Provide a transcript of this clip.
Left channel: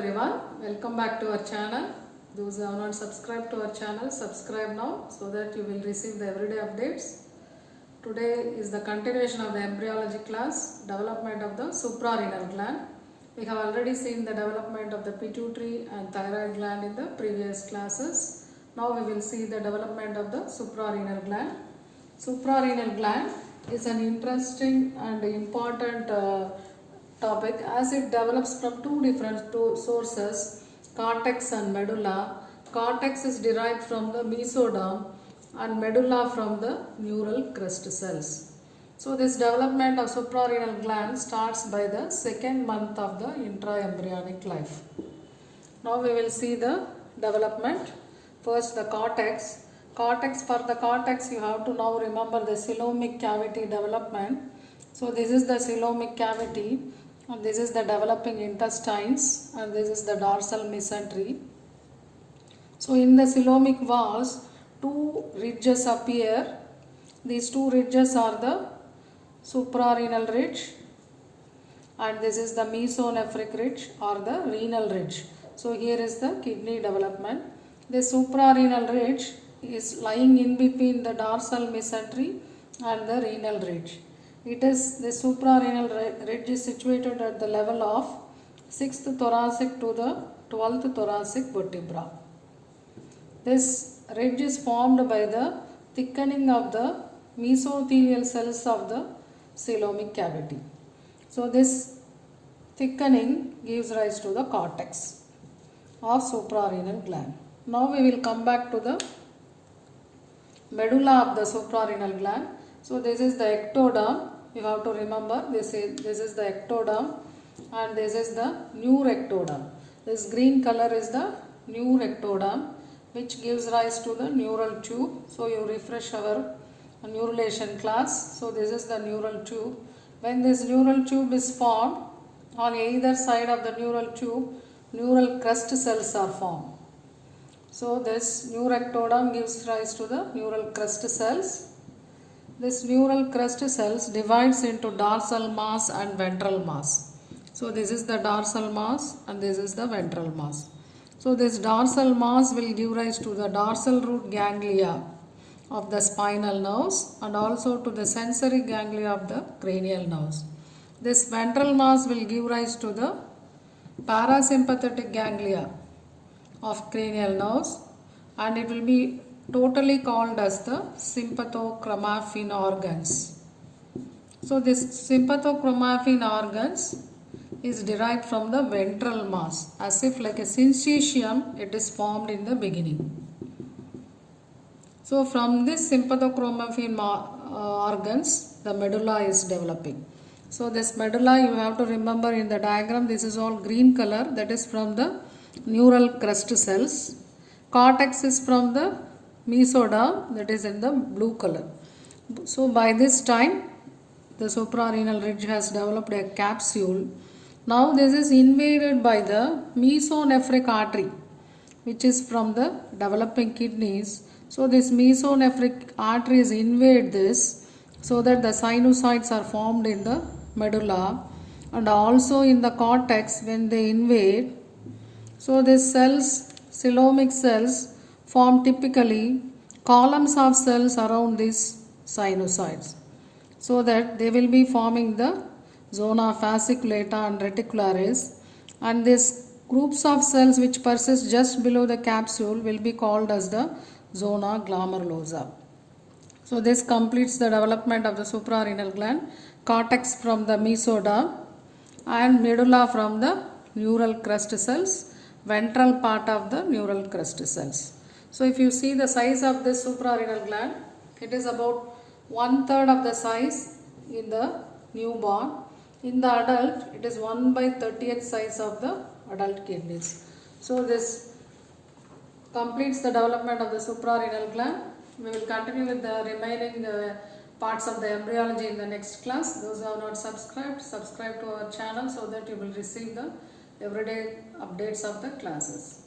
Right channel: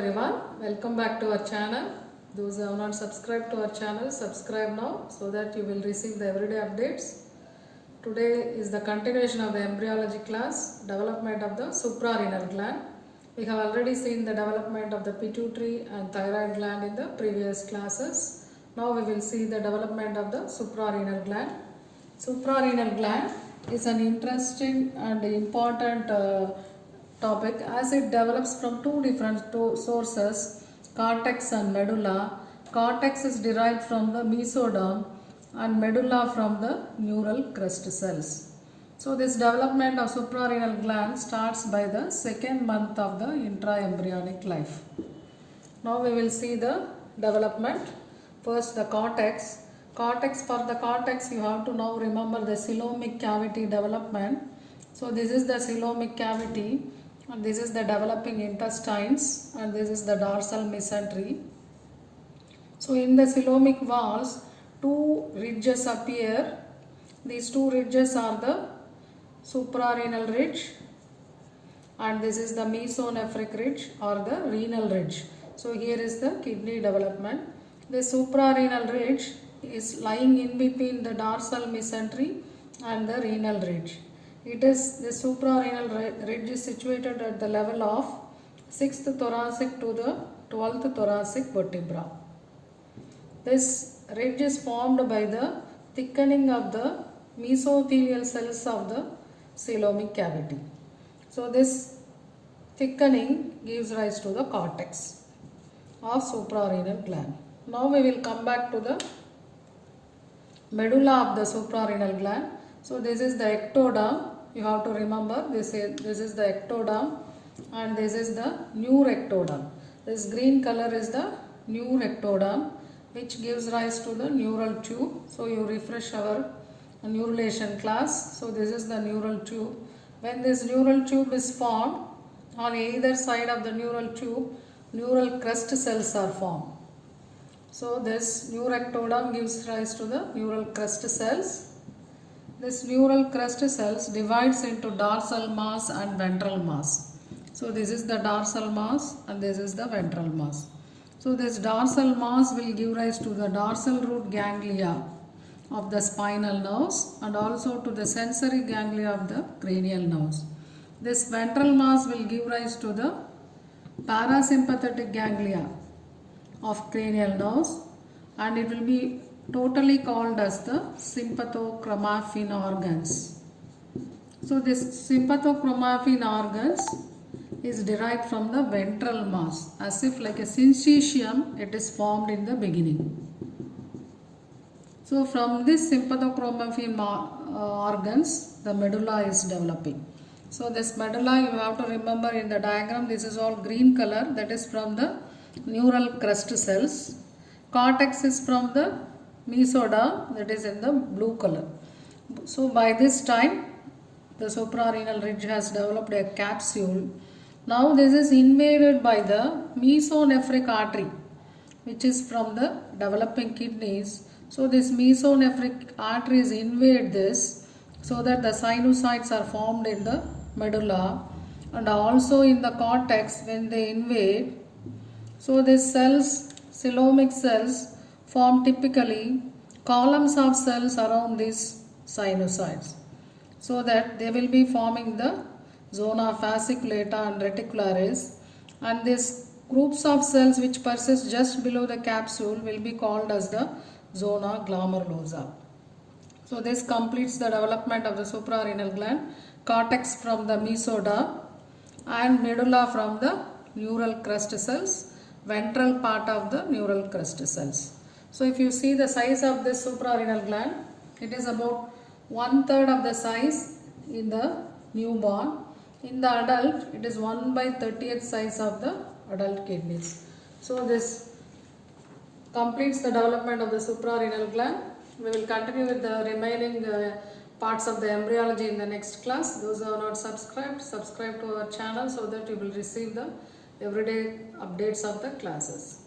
everyone, welcome back to our channel. Those who have not subscribed to our channel, subscribe now so that you will receive the everyday updates. Today is the continuation of the embryology class, development of the suprarenal gland. We have already seen the development of the pituitary and thyroid gland in the previous classes. Now we will see the development of the suprarenal gland. Suprarenal gland is an interesting and important topic as it develops from two different sources, cortex and medulla. Cortex is derived from the mesoderm and medulla from the neural crest cells. So this development of suprarenal gland starts by the second month of the intraembryonic life. Now we will see the development. First the cortex. For the cortex you have to now remember the coelomic cavity development. So this is the coelomic cavity and this is the developing intestines and this is the dorsal mesentery. So in the coelomic walls two ridges appear. These two ridges are the suprarenal ridge and this is the mesonephric ridge or the renal ridge. So here is the kidney development. The suprarenal ridge is lying in between the dorsal mesentery and the renal ridge. It is the suprarenal ridge is situated at the level of 6th thoracic to the 12th thoracic vertebra. This ridge is formed by the thickening of the mesothelial cells of the coelomic cavity. So this thickening gives rise to the cortex of suprarenal gland. Now we will come back to the medulla of the suprarenal gland. So this is the ectoderm. You have to remember this is the ectoderm and this is the neurectoderm. This green color is the neurectoderm which gives rise to the neural tube. So you refresh our neurulation class. So this is the neural tube. When this neural tube is formed, on either side of the neural tube, neural crest cells are formed. So this neurectoderm gives rise to the neural crest cells. This neural crest cells divides into dorsal mass and ventral mass. So this is the dorsal mass and this is the ventral mass. So this dorsal mass will give rise to the dorsal root ganglia of the spinal nerves and also to the sensory ganglia of the cranial nerves. This ventral mass will give rise to the parasympathetic ganglia of cranial nerves and it will be totally called as the sympathochromaffin organs. So this sympathochromaffin organs is derived from the ventral mass, as if like a syncytium it is formed in the beginning. So from this sympathochromaffin organs the medulla is developing. So this medulla you have to remember in the diagram, this is all green color, that is from the neural crest cells. Cortex is from the mesoderm, that is in the blue color. So by this time the suprarenal ridge has developed a capsule. Now this is invaded by the mesonephric artery which is from the developing kidneys. So this mesonephric arteries invade this so that the sinusoids are formed in the medulla and also in the cortex when they invade. So these cells, coelomic cells, form typically columns of cells around these sinusoids so that they will be forming the zona fasciculata and reticularis, and these groups of cells which persist just below the capsule will be called as the zona glomerulosa. So this completes the development of the suprarenal gland, cortex from the mesoderm and medulla from the neural crest cells, ventral part of the neural crest cells. So if you see the size of this suprarenal gland, it is about 1/3 of the size in the newborn. In the adult, it is 1/30th size of the adult kidneys. So this completes the development of the suprarenal gland. We will continue with the remaining parts of the embryology in the next class. Those who have not subscribed, subscribe to our channel so that you will receive the everyday updates of the classes.